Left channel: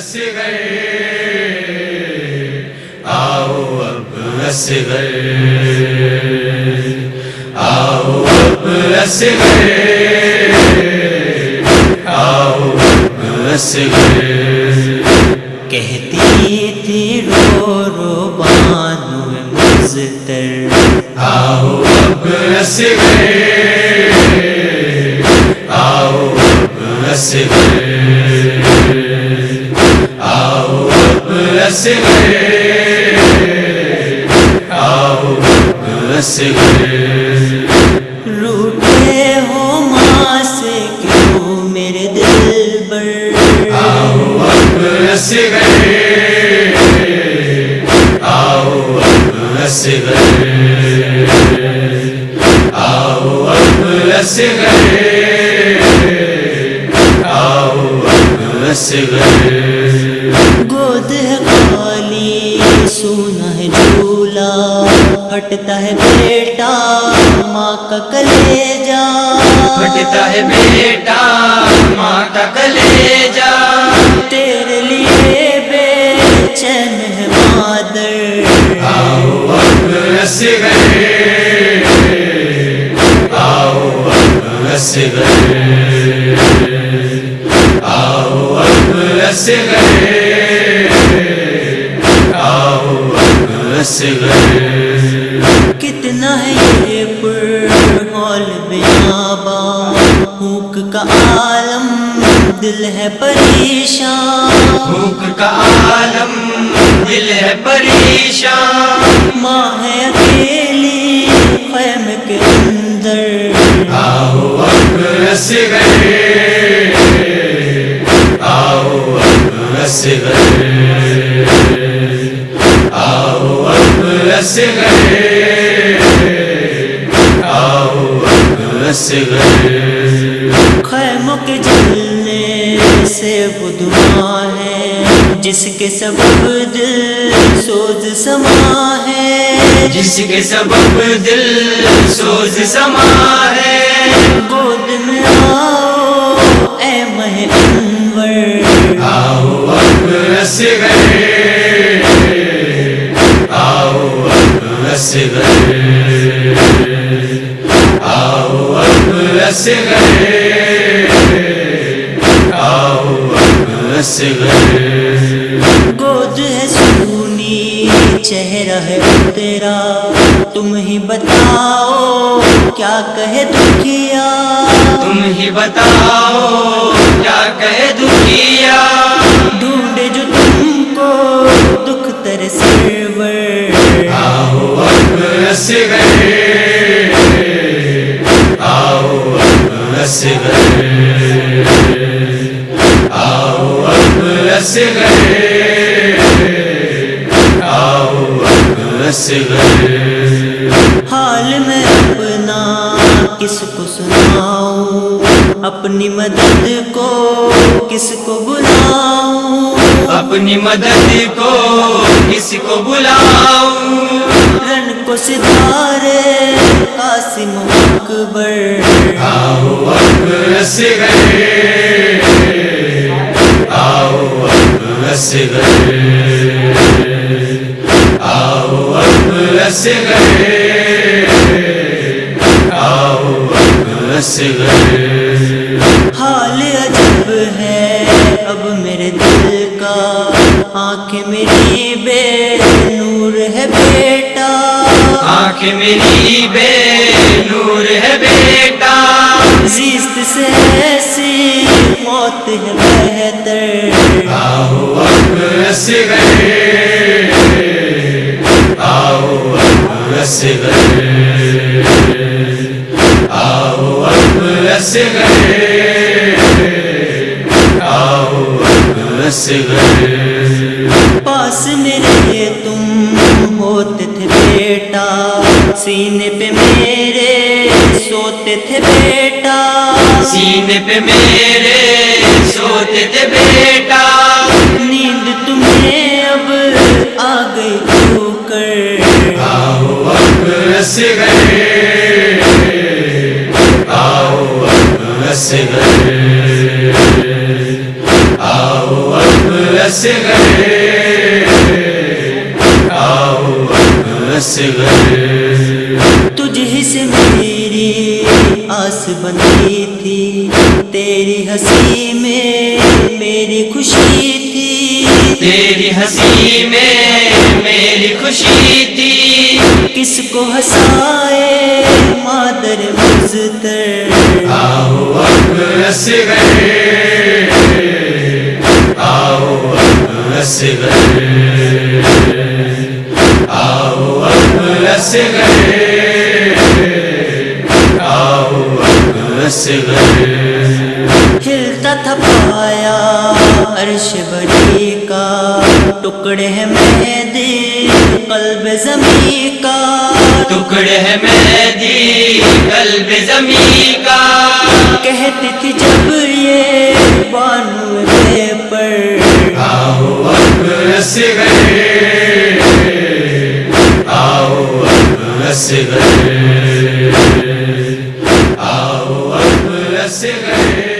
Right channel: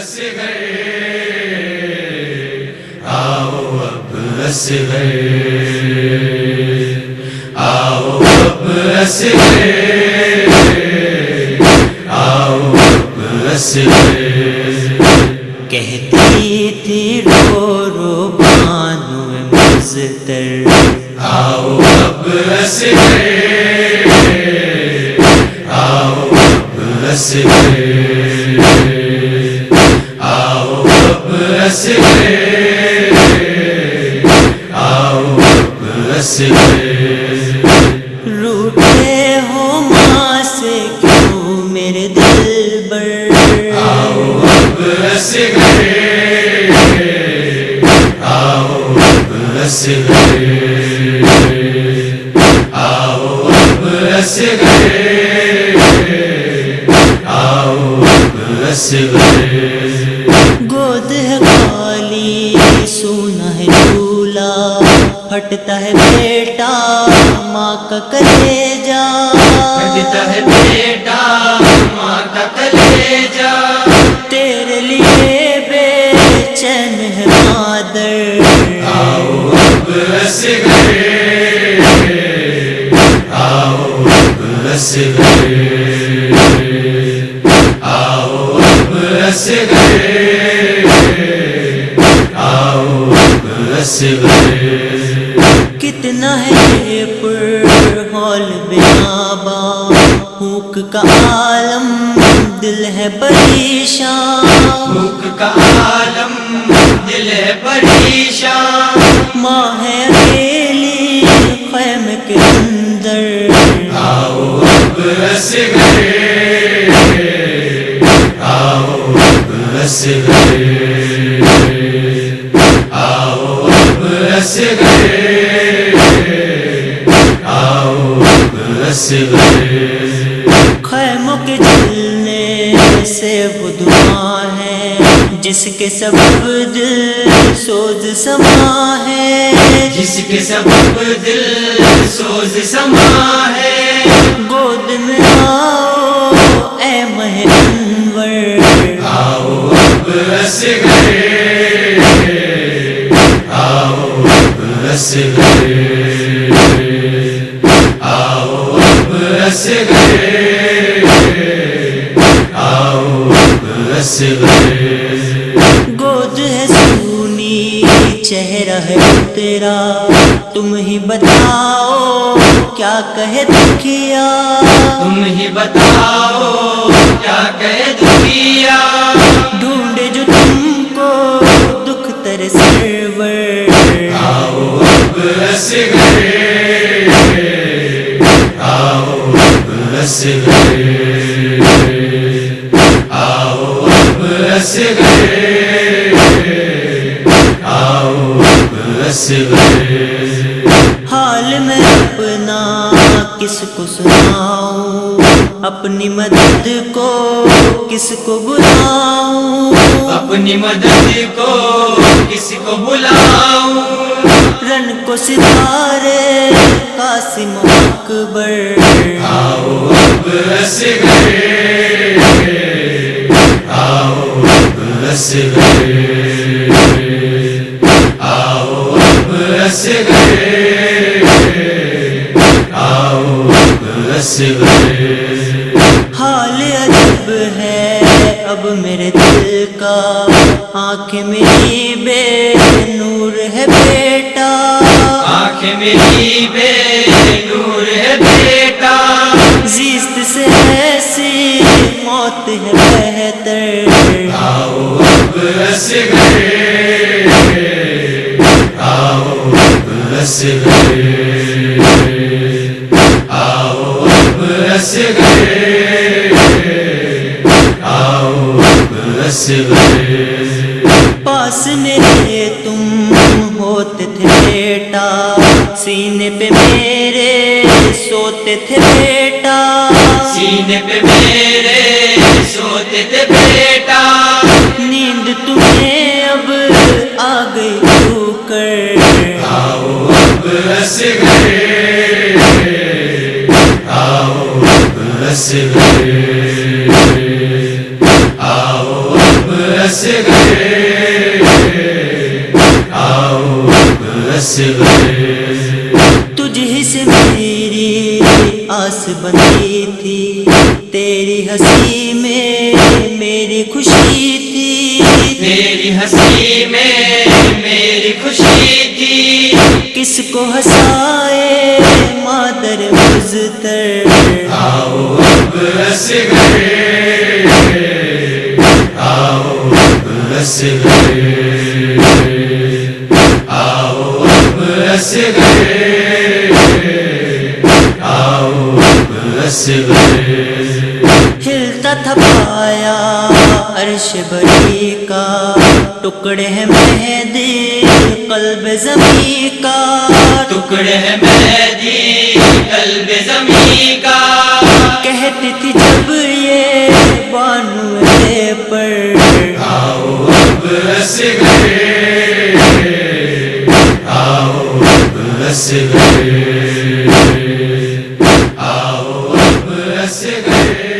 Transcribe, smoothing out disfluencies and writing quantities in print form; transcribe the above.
اصغر آؤ اب اصغر آؤ اب اصغر آؤ اب اصغر کہتی تھی رو رو بانو مزتر آؤ اب اصغر آؤ اب اصغر آؤ اب اصغر آؤ اب اصغر روٹھے ہو ماں سے کیوں میرے دل بر آؤ اب اصغر آؤ اب اصغر آؤ اب اصغر آؤ اب اصغر گود ہے خالی سونا ہے جھولا پھٹتا ہے بیٹا ماں کا کلیجا پھٹتا ہے بیٹا ماں کا کلیجا تیرے لیے بے چین ہے مادر آؤ اب اصغر آؤ اب اصغر آؤ اب اصغر آؤ اب اصغر کتنا ہے یہ پر ہول بیاباں بھوک کا عالم دل ہے پریشان بھوک کا عالم دل ہے پریشان ماں ہے اکیلی خیمے کے اندر آؤ اب اصغر آؤ اب اصغر آؤ اب اصغر آؤ اب اصغر خیموں کے جلنے سے وہ دعا ہے جس کے سبب دل سوز سما ہے جس کے سبب دل سوز سما ہے گود میں آؤ اے مہ انور آؤ اب اصغر آؤ اب اصغر آؤ اب اصغر آؤ اب اصغر گود ہے سونی چہرہ ہے تیرا تم ہی بتاؤ کیا کہے دکھیا تم ہی بتاؤ کیا کہے دکھیا ڈھونڈے جو تم کو دکھ تر سرور آؤ اب اصغر آؤ اب اصغر آؤ اب اصغر آؤ اب اصغر حال میں اپنا کس کو سناؤں اپنی مدد کو کس کو بلاؤں اپنی مدد کو کس کو بلاؤں رن کو ستارے قاسم اکبر آؤ اب اصغر آؤ اب اصغر آؤ اب اصغر آؤ اب اصغر حال عجب ہے اب میرے دل کا آنکھیں میری بے نور ہے بیٹا آنکھیں میری بے نور ہے بیٹا زیست سے ایسی موت ہے بہتر آؤ اب اصغر آؤ اب اصغر آؤ اب اصغر آؤ اب اصغر پاس میرے تم ہوتے تھے بیٹا سینے پہ میرے سوتے تھے بیٹا سینے پہ میرے سوتے تھے بیٹا نیند تمہیں اب آ گئی کیوں کر آؤ اب اصغر آؤ اب اصغر آؤ اب اصغر آؤ اب اصغر تجھ ہی سے میری آس بندھی تھی، تیری ہنسی میں میری خوشی تھی، تیری ہنسی میں میری خوشی تھی، کس کو ہنسائے مادر مزتر، آؤ اب اصغر آؤ اب اصغر آؤ اب اصغر آؤ اب اصغر ہلتا تھا پایا عرش بری کا، ٹکڑے ہیں مہدی قلب زمیں کا، ٹکڑے ہے مہدی قلب زمیں کا، کہتی تھی جب یہ بانو بے پر، آؤ اب اصغر آؤ اب اصغر آؤ اب اصغر